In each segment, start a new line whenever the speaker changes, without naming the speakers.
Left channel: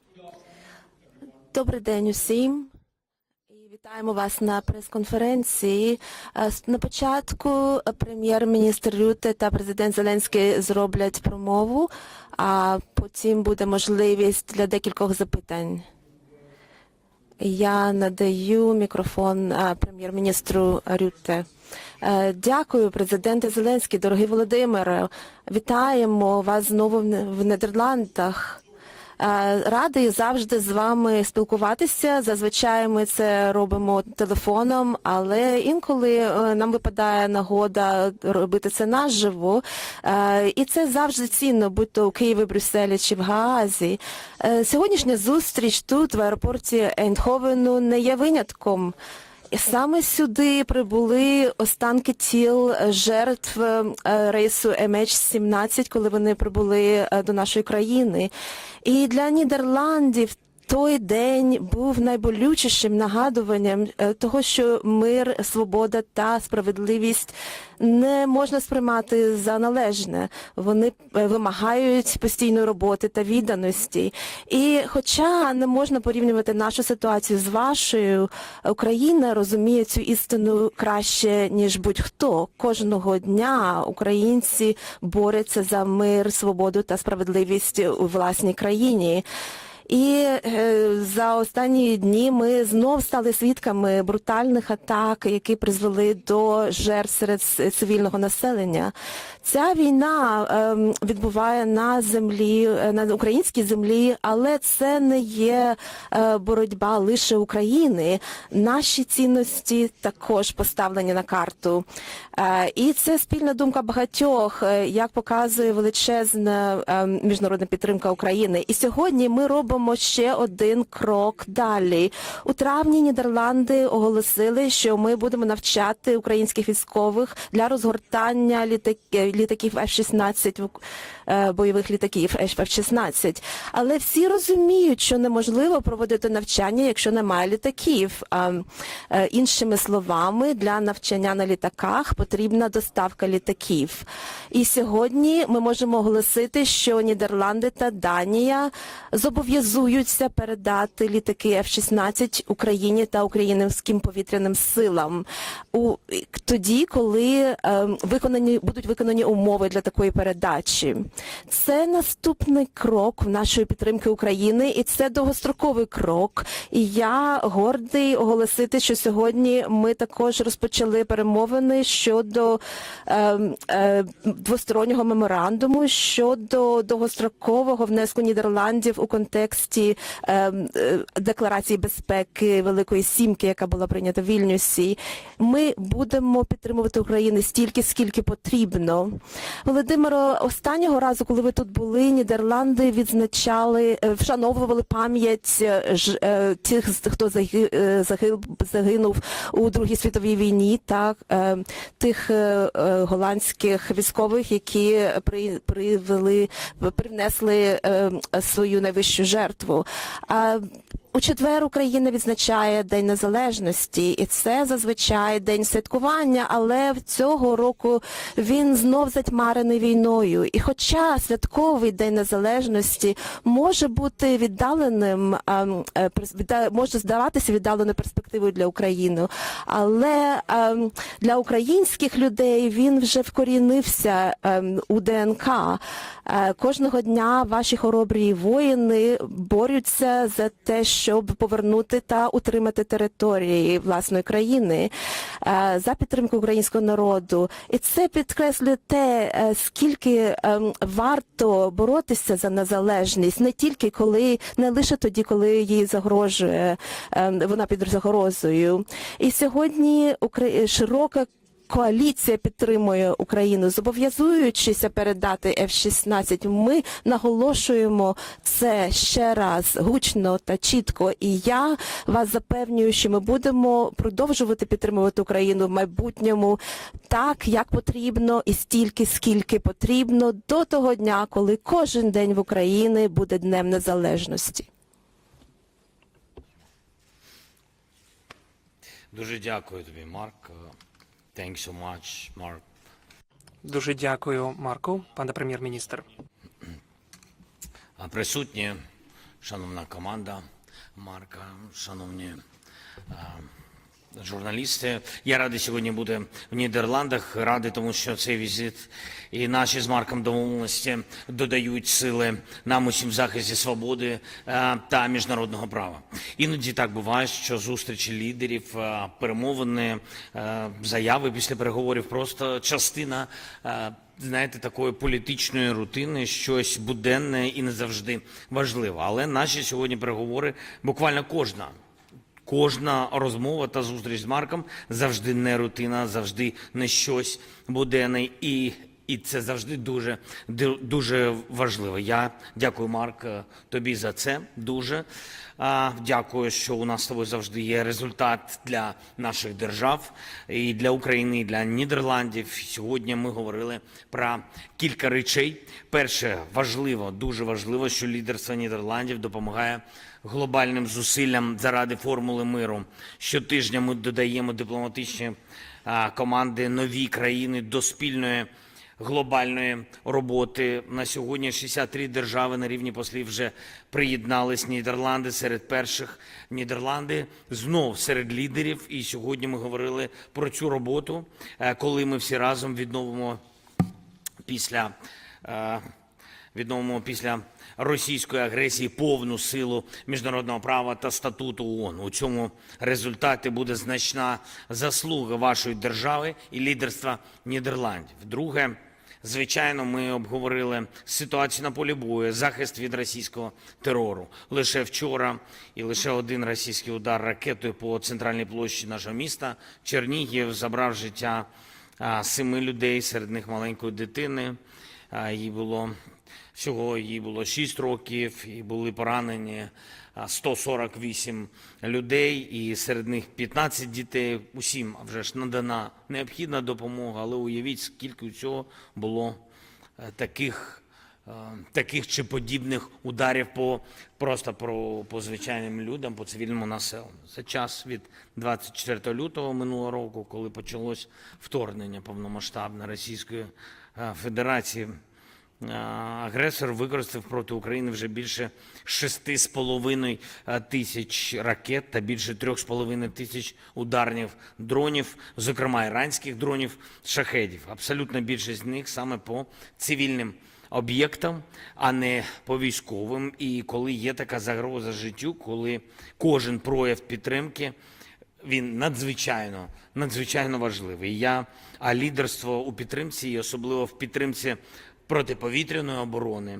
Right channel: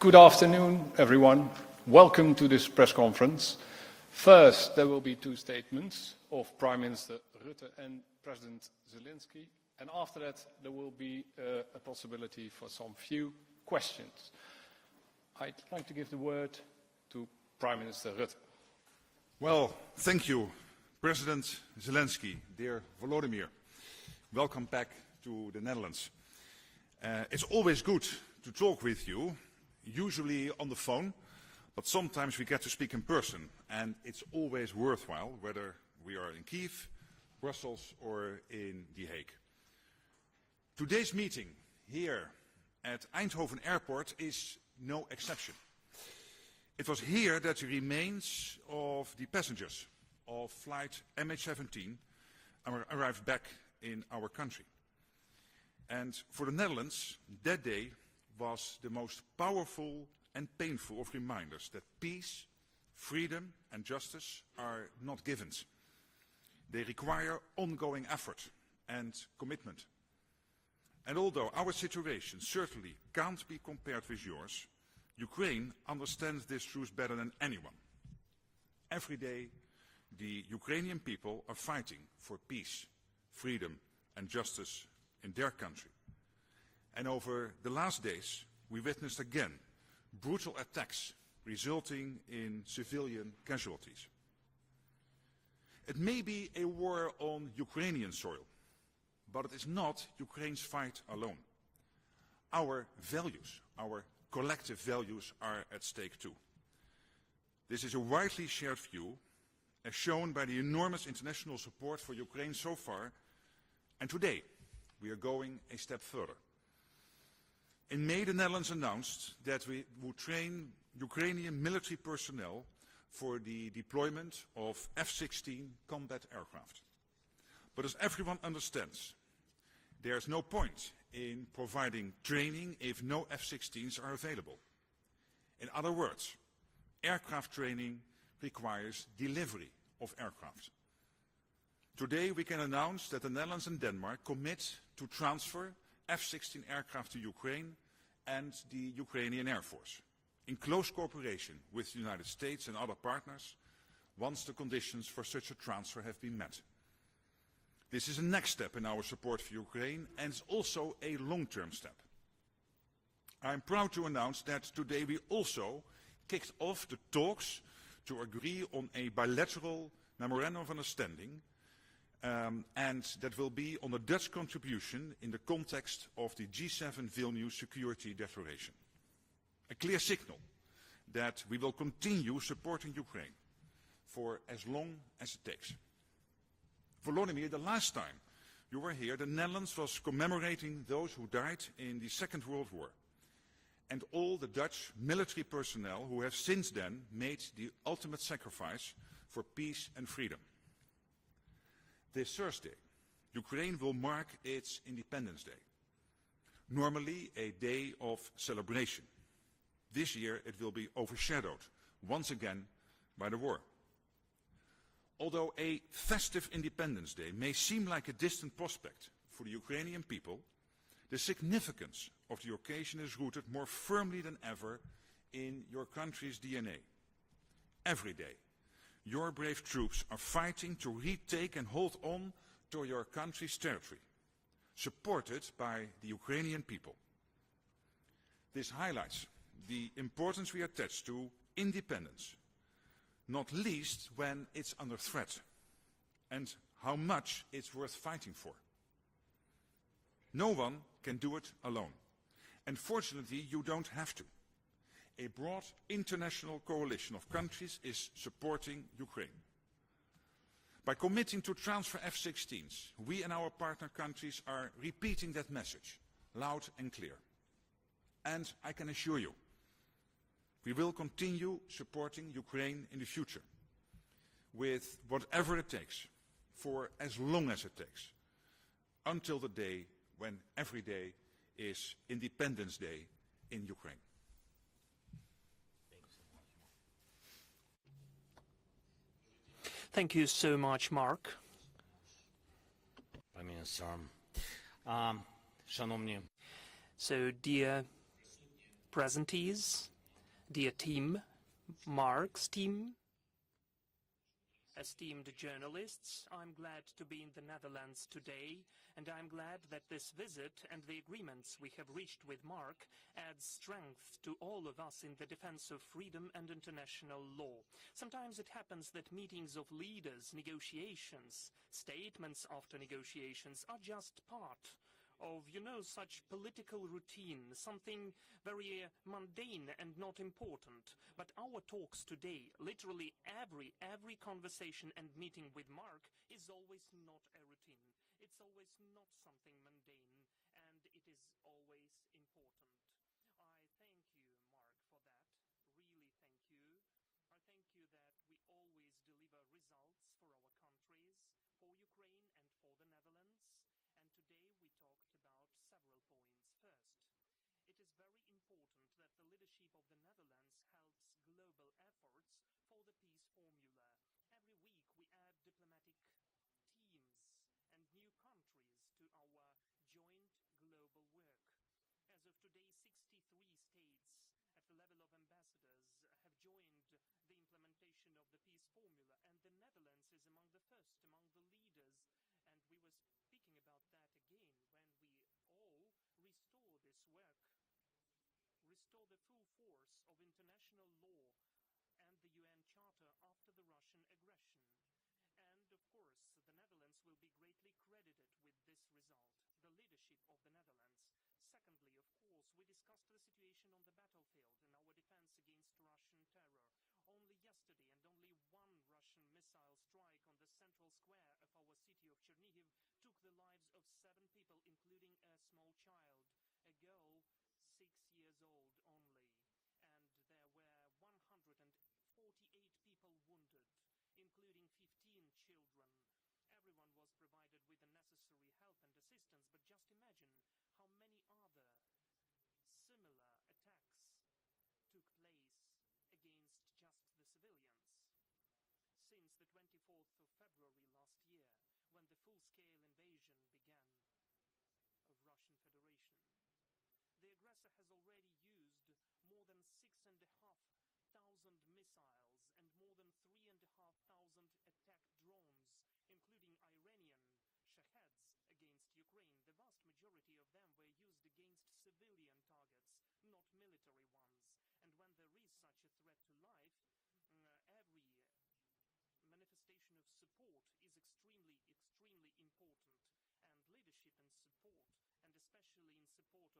Good afternoon, everyone.
Добрий день
Welcome to this press conference.
Вітаємо вас
First,
на прес-конференції. На початку е, прем'єр-міністр Рюте та президент Зеленський зроблять промову, а потім буде можливість для декількох запитань.
To give the word to
Я надаю мікрофон прем'єр-міністру Рюте. Е, Дякую, президенте Зеленський, дорогий Володимире. Вітаємо вас знову в. Е, Радий завжди з вами спілкуватися. Зазвичай ми це робимо телефоном, але інколи е, нам випадає нагода робити це наживо. І це завжди цінно, будь то у Києві, Брюсселі чи в Гаазі. Е, Сьогоднішня зустріч тут, в аеропорті Ейндховену, не є винятком. Саме сюди прибули останки тіл жертв е, рейсу MH17, коли вони прибули е, до нашої країни. І для Нідерландів той день був найболючішим нагадуванням е, того, що мир, свобода та справедливість не можна сприймати за належне. Вони е, вимагають постійної роботи та відданості. І, хоча не можна порівнювати нашу ситуацію з вашою, Україна розуміє цю істину краще ніж будь-хто. Кожного дня українці борються за мир, свободу та справедливість у власній країні. І е, за останні дні ми знов стали свідками брутальних атак, які призвели до жертв серед цивільного населення. Ця війна ем, відбуває на землі, е, на українській землі, але це не є е, боротьба лише України. Наші цінності також поставлені на карту. І це спільна думка багатьох, як показує величезна е, міжнародна підтримка України. І сьогодні ми робимо ще один крок далі. У травні Нідерланди оголосили, що ми будемо навчати українських військових для розгортання літак- літаків F-16 в- бойових літаків F-16. Але всі розуміють, що неможливо проводити навчання, якщо немає літаків. Е, Іншими словами, для навчання на літаках потрібна доставка літаків. І сьогодні ми можемо оголосити, що Нідерланди та Данія зобов'язуються передати літаки F-16 Україні та українським повітряним силам у тоді, коли е, виконані будуть виконані умови для такої передачі. Це наступний крок в нашої підтримки України, і це довгостроковий крок. І я гордий оголосити, що сьогодні ми також розпочали перемовини щодо е, е, двостороннього меморандуму щодо довгострокового внеску Нідерландів у контексті е, е, декларації безпеки Великої Сімки, яка була прийнята в Вільнюсі. Ми будемо підтримувати Україну стільки, скільки потрібно. Володимиро, останнього разу, коли ви тут були, Нідерланди відзначали, е, вшановували пам'ять е, е, тих, хто загинув у Другій світовій війні, та е, тих голландських військових, які при, привели, принесли свою найвищу жертву. У четвер Україна відзначає День Незалежності, і це зазвичай день святкування, але цього року він знов затьмарений війною. І хоча святковий день незалежності може бути віддаленим, ем, е, може здаватися віддаленою перспективою для України, але ем, для українських людей він вже вкорінився ем, у ДНК. Е, Кожного дня ваші хоробрі воїни борються за те, щоб повернути та утримати території власної країни е, за підтримку українського народу. І це підкреслює те, е, скільки ем, варто боротися за незалежність, не тільки коли, не лише тоді, коли їй загрожує ем, вона під загрозою. І сьогодні широка коаліція підтримує Україну, зобов'язуючися передати F-16. Ми наголошуємо це ще раз гучно та чітко. І я вас запевнюю, що ми будемо продовжувати підтримувати Україну в майбутньому так, як потрібно, і стільки, скільки потрібно, до того дня, коли кожен день в Україні буде днем незалежності.
Дуже дякую тобі,
Thank you
Марк.
so much, Mark.
Thanks so much, Mark.
Дуже дякую, Марку, пане прем'єр-міністр. Присутні,
presentees,
шановна команда,
dear team,
Марка, шановні
Mark's team,
журналісти. Я радий сьогодні бути в Нідерландах. Радий, тому що цей візит і наші з Марком домовленості додають сили нам усім в захисті свободи е, та міжнародного права. Іноді так буває, що зустрічі лідерів, е, перемовини, е, заяви після переговорів просто частина. Знаєте, такої політичної рутини, щось буденне і не завжди важливе. Але наші сьогодні переговори буквально кожна Кожна розмова та зустріч з Марком завжди не рутина, завжди не щось буденне, і, і це завжди дуже, дуже важливо. Я дякую, Марк, е, тобі за це. Дуже дякую, що у нас з тобою завжди є результат для наших держав і для України, і для Нідерландів. Сьогодні ми говорили про кілька речей. Перше, важливо, дуже важливо, що лідерство Нідерландів допомагає глобальним зусиллям заради формули миру. Щотижня ми додаємо дипломатичні команди нові країни до спільної глобальної роботи. На сьогодні 63 держави на рівні послів вже приєднались. Нідерланди серед перших. Нідерланди знов серед лідерів. І сьогодні ми говорили про цю роботу, е, коли ми всі разом відновимо після е, відновимо після російської агресії повну силу міжнародного права та статуту ООН. У цьому результаті буде значна заслуга вашої держави і лідерства Нідерландів. Друге, звичайно, ми обговорили ситуацію на полі бою, захист від російського терору. Лише вчора і лише один російський удар ракетою по центральній площі нашого міста Чернігів забрав життя семи людей, серед них маленької дитини. Їй було всього їй було 6 років, і були поранені 148 людей, і серед них 15 дітей. Усім вже ж надана необхідна допомога, але уявіть, скільки цього було е, таких. е, Таких чи подібних ударів по просто про по звичайним людям, по цивільному населенню. Це час від 24 лютого минулого року, коли почалось вторгнення повномасштабне Російської е, Федерації. Агресор використав проти України вже більше 6,5 е, тисяч ракет та більше 3,5 тисяч ударних дронів, зокрема іранських дронів, шахедів. Абсолютна більшість з них саме по цивільним об'єктам, а не по військовим. І коли є така загроза життю, коли кожен прояв підтримки він надзвичайно надзвичайно важливий. Я а лідерство у підтримці, і особливо в підтримці протиповітряної оборони,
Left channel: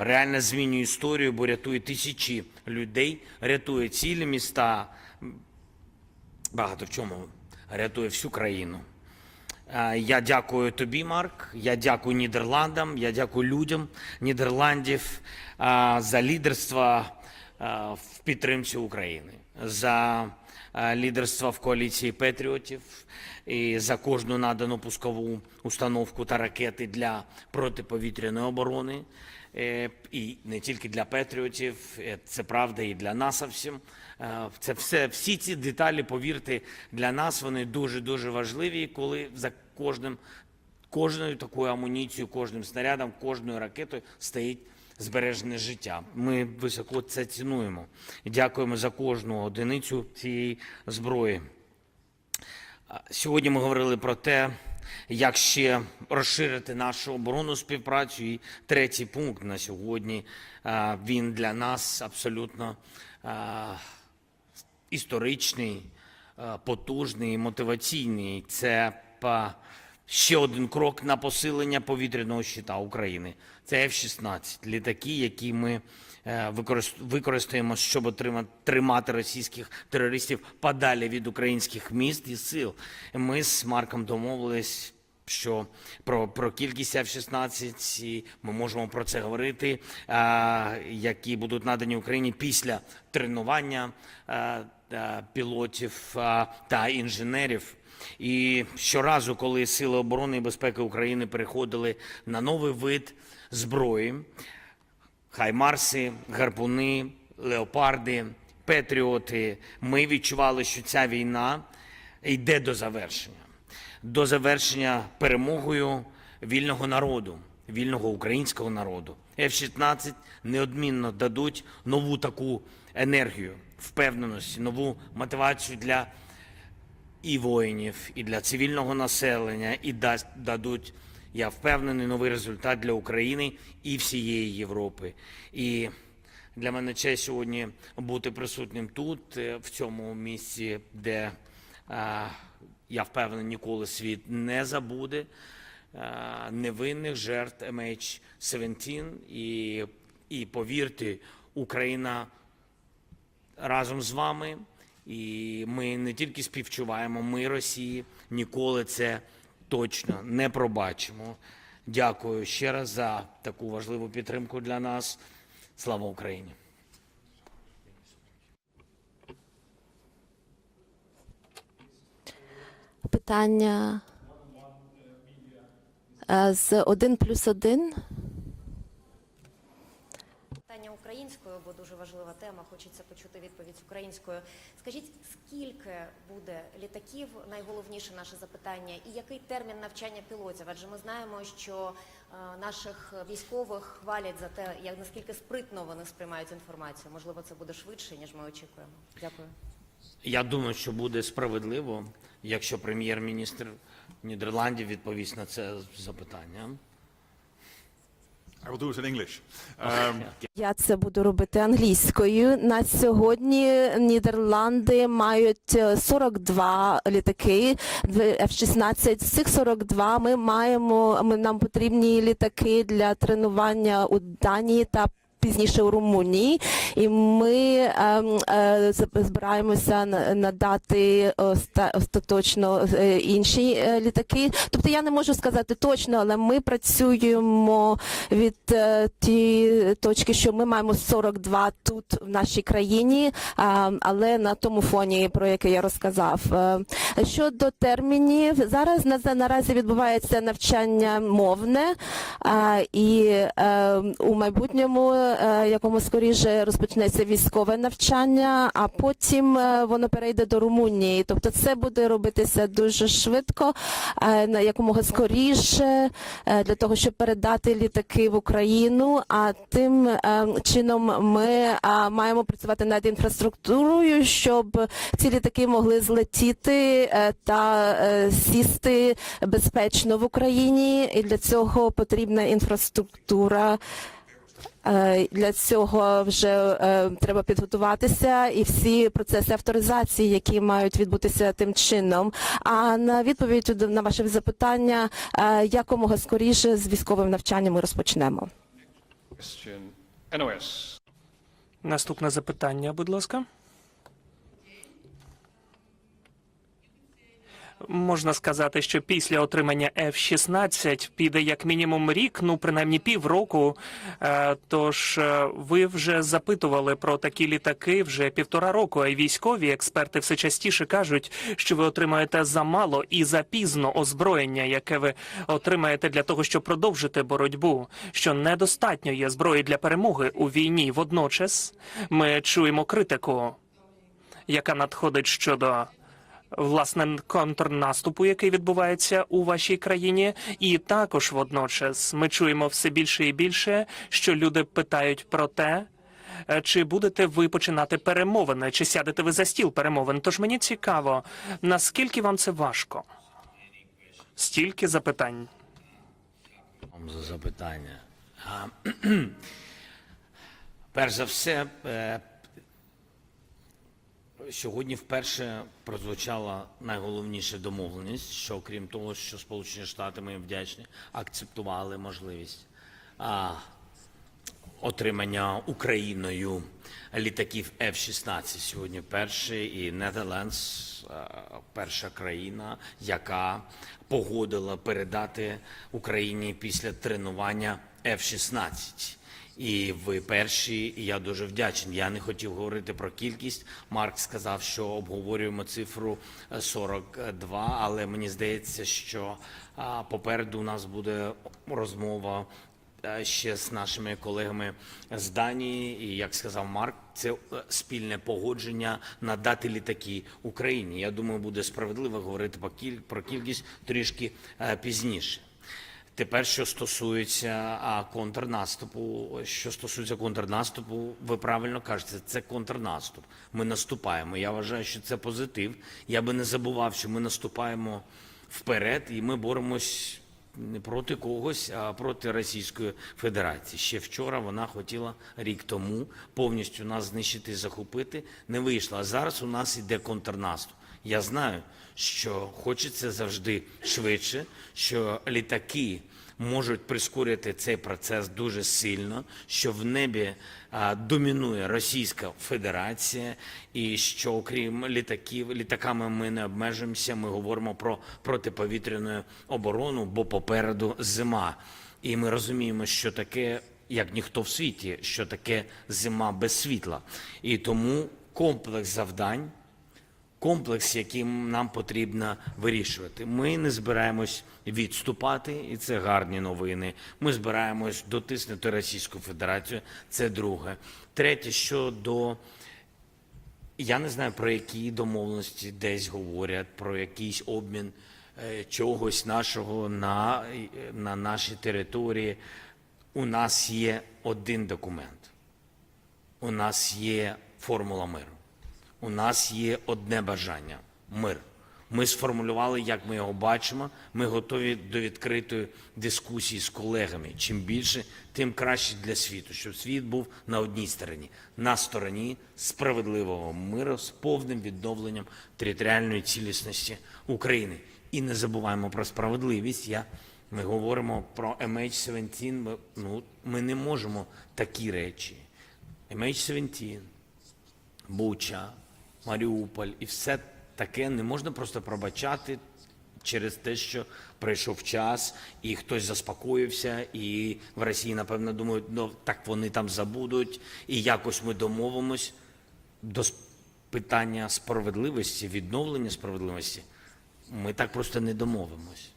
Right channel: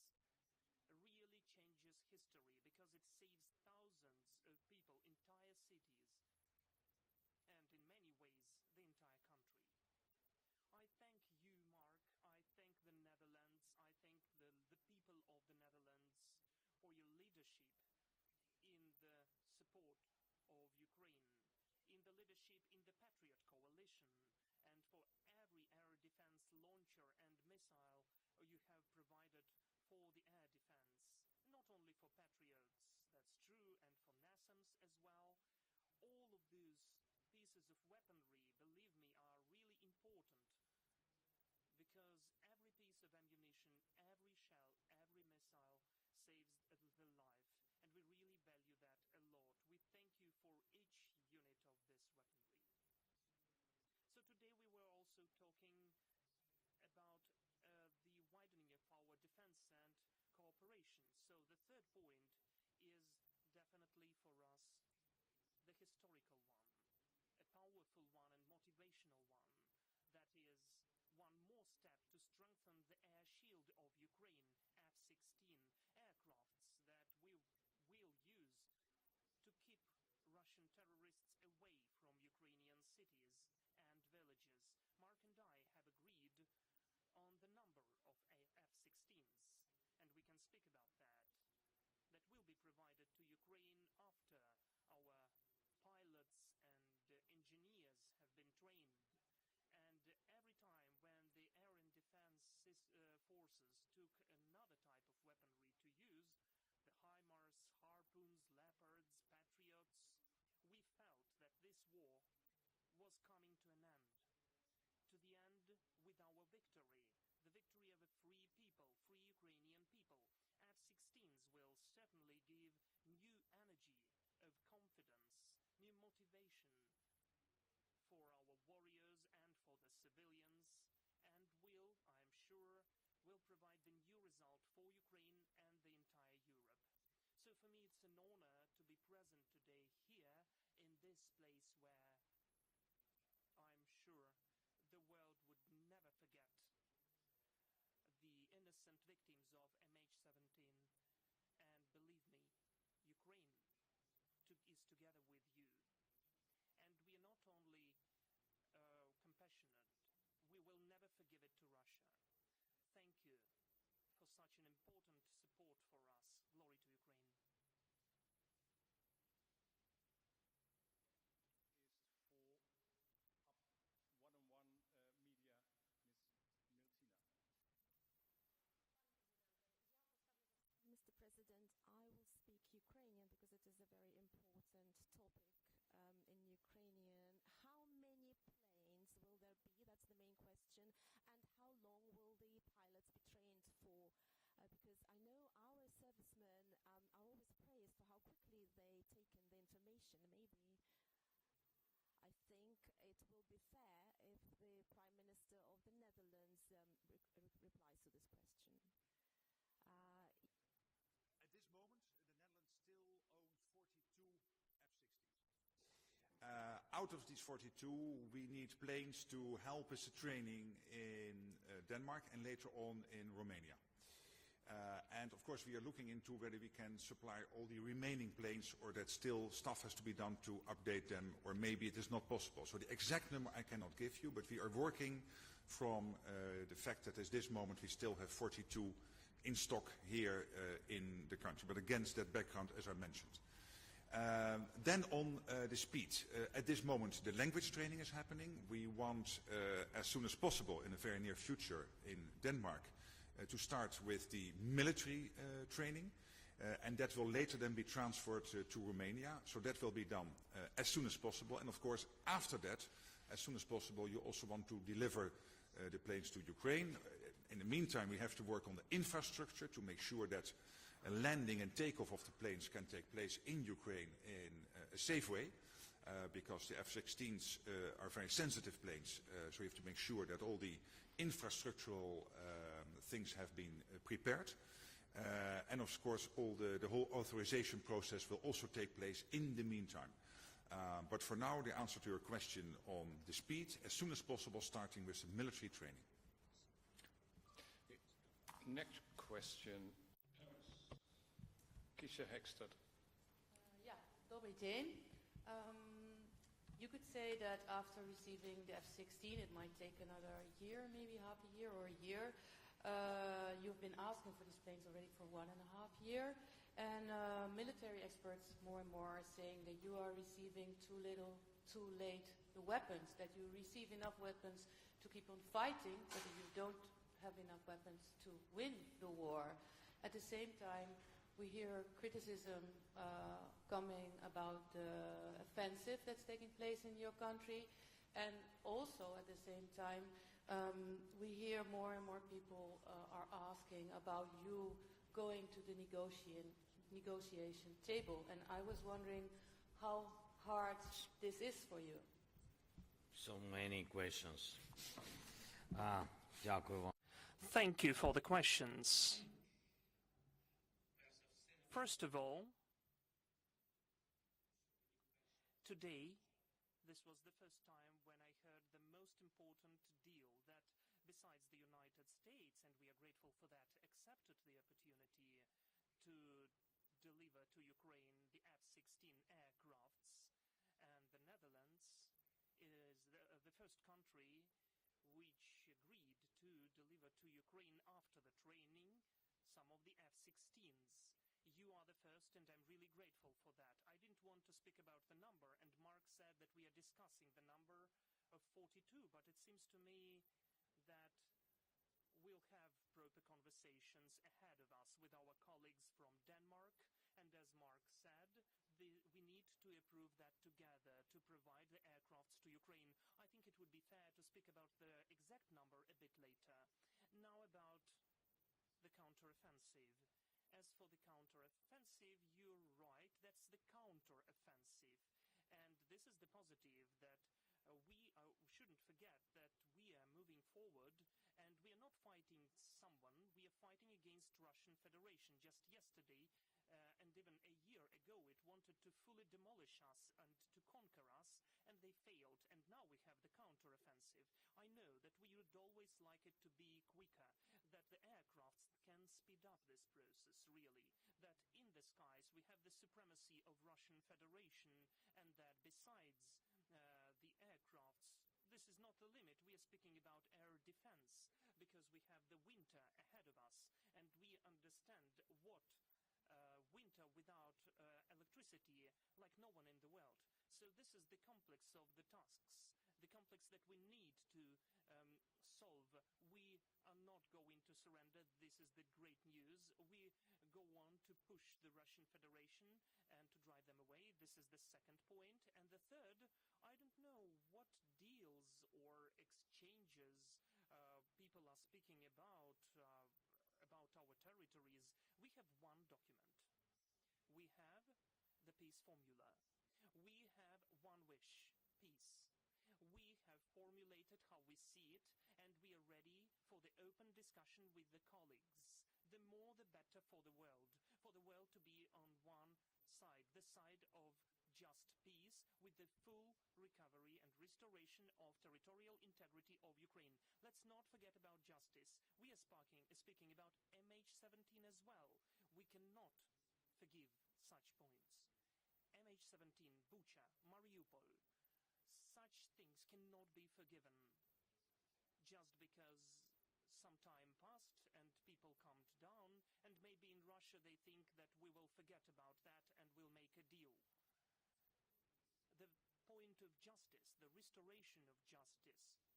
реально змінює історію, бо рятує тисячі людей, рятує цілі міста, багато в чому рятує всю країну. Я дякую тобі, Марк. Я дякую Нідерландам. Я дякую людям Нідерландів за лідерство в підтримці України, за е, лідерство в коаліції патріотів і за кожну надану пускову установку та ракети для протиповітряної оборони. Е, І не тільки для патріотів, е, це правда і для нас всім. Це все, всі ці деталі, повірте, для нас вони дуже дуже важливі, коли за кожним кожною такою амуніцією, кожним снарядом, кожною ракетою стоїть збережене життя. Ми високо це цінуємо. Дякуємо за кожну одиницю цієї зброї. Сьогодні ми говорили про те, як ще розширити нашу оборонну співпрацю. І третій пункт на сьогодні він для нас абсолютно історичний, потужний, мотиваційний. Це ще один крок на посилення повітряного щита України. Це F-16, літаки, які ми е, використаємо, щоб тримати російських терористів подалі від українських міст і сил. Ми з Марком домовились. Що про, про кількість F-16, ми можемо про це говорити, а, які будуть надані Україні після тренування а, а, пілотів а, та інженерів. І щоразу, коли Сили оборони і безпеки України переходили на новий вид зброї, хаймарси, гарпуни, леопарди, петріоти, ми відчували, що ця війна йде до завершення, до завершення перемогою вільного народу вільного українського народу. F-16 неодмінно дадуть нову таку енергію, впевненості, нову мотивацію для і воїнів, і для цивільного населення, і дасть дадуть, я впевнений, новий результат для України і всієї Європи. І для мене честь сьогодні бути присутнім тут, е, в цьому місці, де е, я впевнений, ніколи світ не забуде е, невинних жертв MH17. І, і повірте, Україна разом з вами. І ми не тільки співчуваємо, ми Росії ніколи це точно не пробачимо. Дякую ще раз за таку важливу підтримку для нас. Слава Україні!
Питання е, з 1 плюс 1.
Питання українською, бо дуже важлива тема. Хочеться почути відповідь українською. Скажіть, скільки буде літаків? Найголовніше наше запитання, і який термін навчання пілотів? Адже ми знаємо, що е, наших військових хвалять за те, як наскільки спритно вони сприймають інформацію. Можливо, це буде швидше ніж ми очікуємо. Дякую.
Я думаю, що буде справедливо, якщо прем'єр-міністр Нідерландів відповість на це запитання.
I will do it in English. Um,
Я це буду робити англійською. На сьогодні Нідерланди мають е, 42 літаки F-16. З цих 42 ми маємо, ми, нам потрібні літаки для тренування у Данії та пізніше у Румунії. І ми ем, е, збираємося надати остаточно е, інші е, літаки. Тобто я не можу сказати точно, але ми працюємо від ті точки, що ми маємо 42 тут в нашій країні, а, але на тому фоні, про який я розказав. Щодо термінів, зараз на наразі відбувається навчання мовне, і е, у майбутньому, якому скоріше розпочнеться військове навчання, а потім е, воно перейде до Румунії. Тобто це буде робитися дуже швидко, е, на якомога скоріше, е, для того, щоб передати літаки в Україну. А тим е, чином ми е, маємо працювати над інфраструктурою, щоб ці літаки могли злетіти е, та е, сісти безпечно в Україні. І для цього потрібна інфраструктура. Е, Для цього вже е, треба підготуватися і всі процеси авторизації, які мають відбутися тим чином. А на відповідь на ваше запитання, е, якомога скоріше з військовим навчанням ми розпочнемо.
Наступне запитання, будь ласка. Можна сказати, що після отримання F-16 піде як мінімум рік, ну принаймні півроку. Е, Тож е, ви вже запитували про такі літаки вже півтора року. А військові експерти все частіше кажуть, що ви отримаєте замало і запізно озброєння, яке ви отримаєте для того, щоб продовжити боротьбу. Що недостатньо є зброї для перемоги у війні. Водночас ми чуємо критику яка надходить щодо власне контрнаступу, який відбувається у вашій країні, і також водночас ми чуємо все більше і більше, що люди питають про те. е, Чи будете ви починати перемовини, чи сядете ви за стіл перемовин? Тож мені цікаво, наскільки вам це важко? Стільки запитань.
Дякую вам за запитання. Перш за все, е, сьогодні вперше прозвучала найголовніша домовленість, що крім того, що Сполучені Штати ми вдячні, акцептували можливість отримання Україною літаків F-16. Сьогодні перший і Нетерландс перша країна, яка погодила передати Україні після тренування F-16. І ви перші, і я дуже вдячний. Я не хотів говорити про кількість. Марк сказав, що обговорюємо цифру е, 42, але мені здається, що попереду у нас буде розмова е, ще з нашими колегами з Данії. І як сказав Марк, це е, спільне погодження надати літаки Україні. Я думаю, буде справедливо говорити про кіль- про кількість трішки е, пізніше. Тепер, що стосується контрнаступу, що стосується контрнаступу, ви правильно кажете, це контрнаступ. Ми наступаємо. Я вважаю, що це позитив. Я би не забував, що ми наступаємо вперед, і ми боремось не проти когось, а проти Російської Федерації. Ще вчора вона хотіла рік тому повністю нас знищити захопити. Не вийшла. А зараз у нас іде контрнаступ. Я знаю, що хочеться завжди швидше, що літаки можуть прискорити цей процес дуже сильно, що в небі домінує Російська Федерація, і що окрім літаків, літаками ми не обмежуємося. Ми говоримо про протиповітряну оборону, бо попереду зима. І ми розуміємо, що таке, як ніхто в світі, що таке зима без світла. І тому комплекс завдань комплекс, яким нам потрібно вирішувати. Ми не збираємось відступати, і це гарні новини. Ми збираємось дотиснути Російську Федерацію. Це друге. Третє, щодо я не знаю про які домовленості десь говорять, про якийсь обмін е, чогось нашого на, на нашій території. У нас є один документ. У нас є формула миру. У нас є одне бажання мир. Ми сформулювали, як ми його бачимо. Ми готові до відкритої дискусії з колегами. Чим більше, тим краще для світу, щоб світ був на одній стороні, на стороні справедливого миру з повним відновленням територіальної цілісності України. І не забуваємо про справедливість. Я, ми говоримо про MH17. Ми, ну, ми не можемо такі речі. MH17, Буча, Маріуполь і все таке не можна просто пробачати через те, що прийшов час, і хтось заспокоївся, і в Росії, напевно, думають, ну так вони там забудуть, і якось ми домовимось до питання справедливості, відновлення справедливості. Ми так просто не домовимось.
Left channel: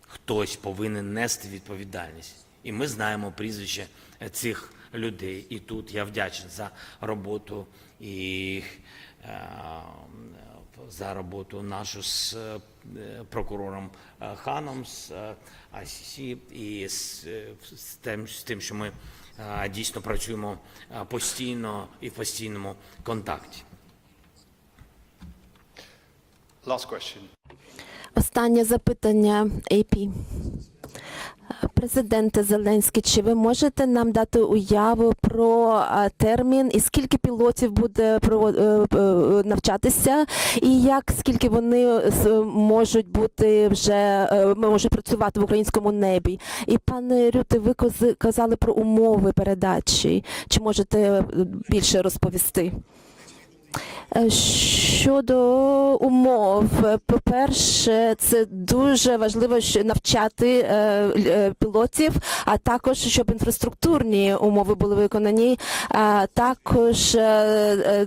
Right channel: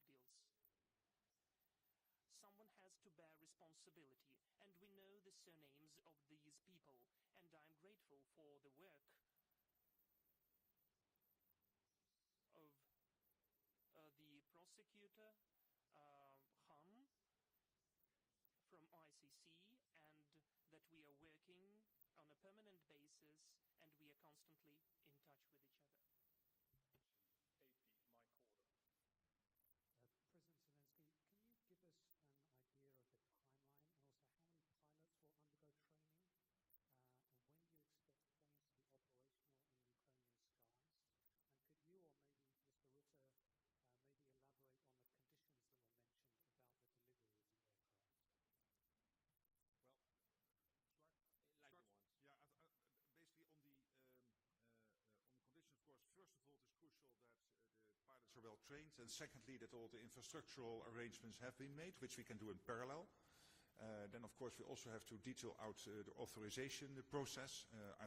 Хтось повинен нести відповідальність. І ми знаємо прізвище цих людей. І тут я вдячний за роботу і за роботу нашу з е, прокурором е, Ханом, з е, ICC і з, з, тим, з тим, що ми дійсно працюємо постійно і в постійному контакті.
Last question.
Останнє запитання AP. Президенте Зеленський, чи ви можете нам дати уяву про термін і скільки пілотів буде е, е, навчатися, і як скільки вони можуть бути вже е, можуть працювати в українському небі? І пане Рюте, ви казали про умови передачі. Чи можете більше розповісти? Щодо умов, по-перше, це дуже важливо навчати е, е, пілотів, а також щоб інфраструктурні умови були виконані, а також е,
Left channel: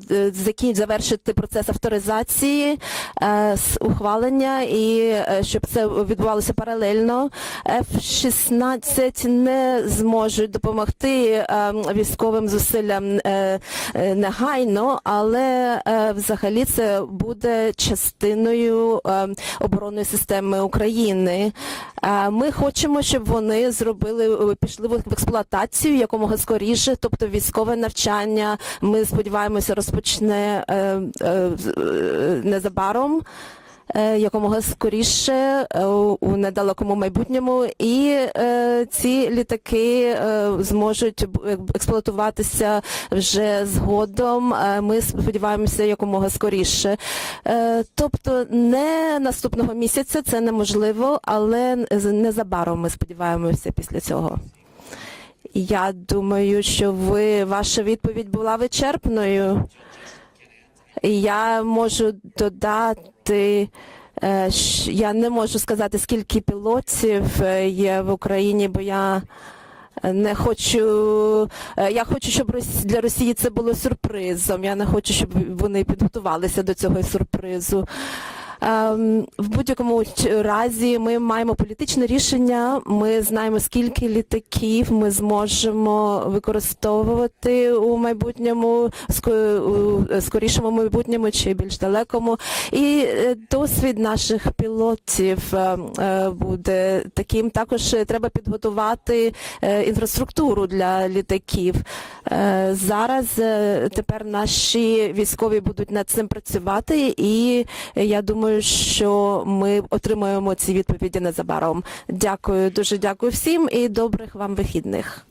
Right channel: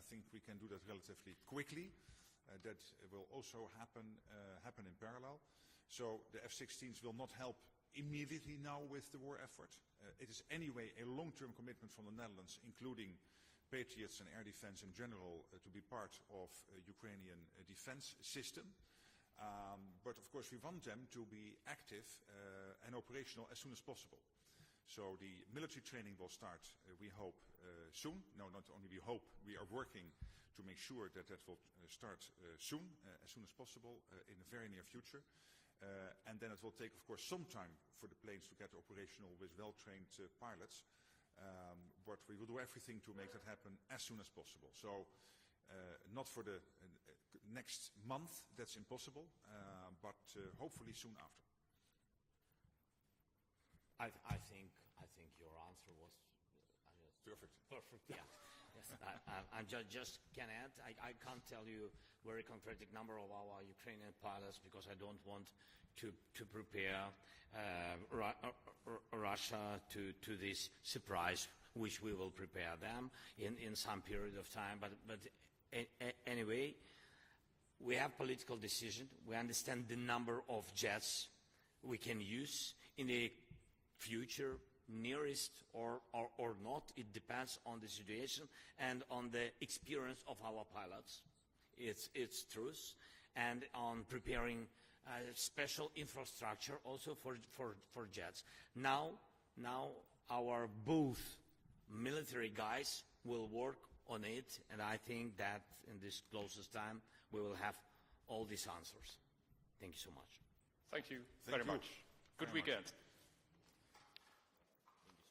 завершити процес авторизації, з ухвалення і щоб це відбувалося паралельно. F-16 не зможуть допомогти військовим зусиллям негайно, але взагалі це буде частиною е, оборонної системи України. Е, Ми хочемо, щоб вони зробили е, пішли в експлуатацію якомога скоріше, тобто військове навчання. Ми сподіваємося, розпочне е, незабаром. Е, Якомога скоріше е, у недалекому майбутньому, і е, ці літаки зможуть експлуатуватися вже згодом. Ми сподіваємося якомога скоріше. Тобто не наступного місяця це неможливо, але незабаром ми сподіваємося після цього. Я думаю, що ви ваша відповідь була вичерпною. Я можу додати. е, Я не можу сказати, скільки пілотів е, є в Україні, бо я не хочу. е, Я хочу, щоб для Росії це було сюрпризом. Я не хочу, щоб вони підготувалися до цього сюрпризу. Ем, В будь-якому разі ми маємо політичне рішення. Ми знаємо, скільки літаків ми зможемо використовувати у майбутньому, скорішому майбутньому чи більш далекому. І е, досвід наших пілотів е, е, буде таким. Також е, треба підготувати е, інфраструктуру для літаків. Е, Зараз е, тепер наші військові будуть над цим працювати, і я думаю, що ми отримаємо ці відповіді незабаром. Дякую, дуже дякую всім і добрих вам вихідних.